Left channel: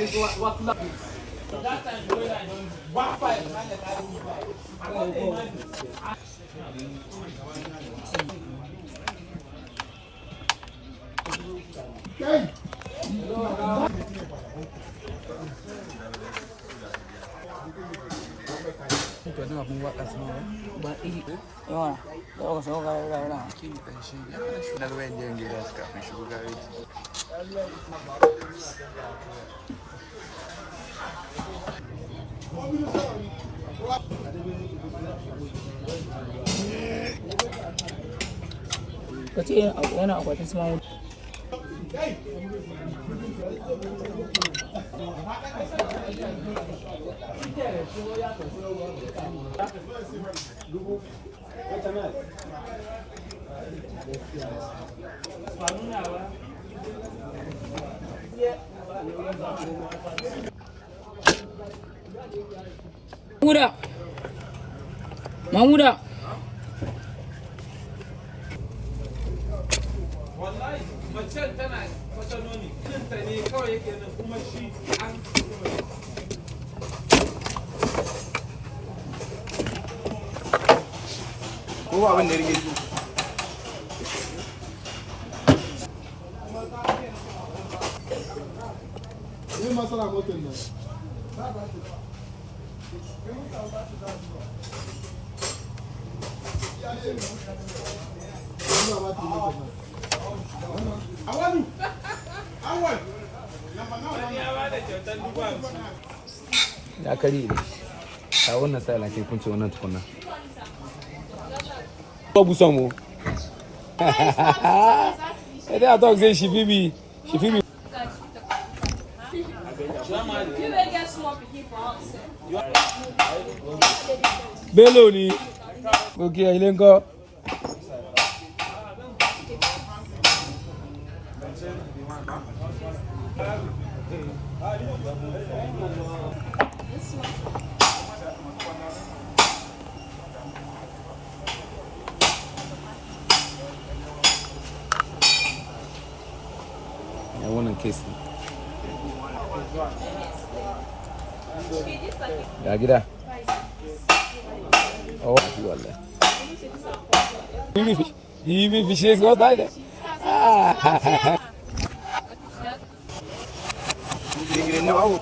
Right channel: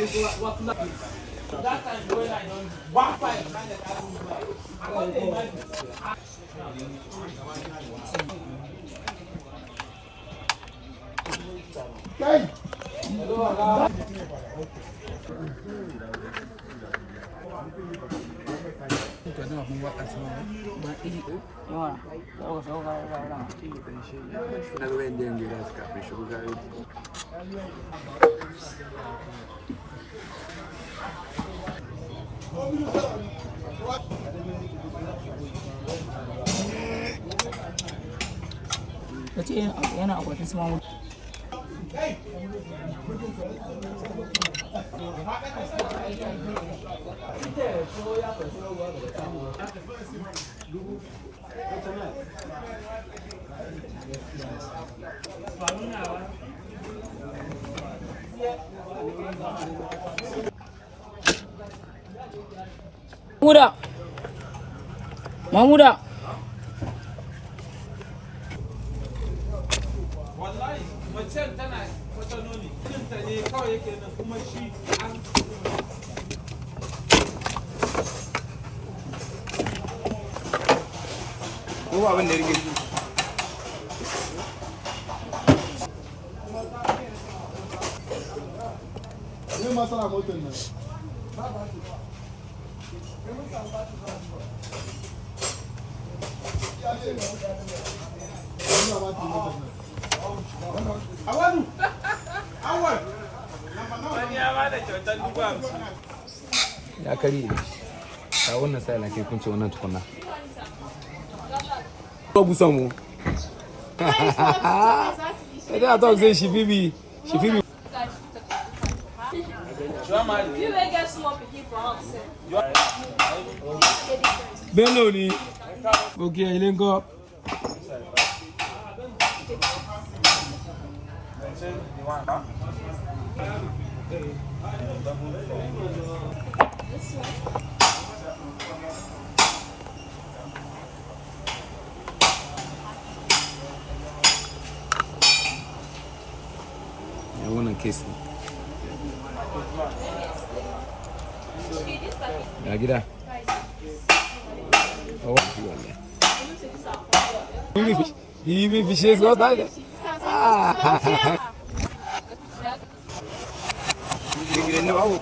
What love is. That time when I don't walk by and I yana akwatin small. Mamuda. Wallahi macen tana wata noni ta ne kawai yake da kuma shi an ko abin da rike ne masara motar nan ya kari a wannan sai lake kunce wannan tukunna ko busa mu da dog zai shi bibi Bello ni okay ile nko I want to kiss him. Ya gida. Oh, wallahi. Bibi fishe zo da. Gidan ne bawo.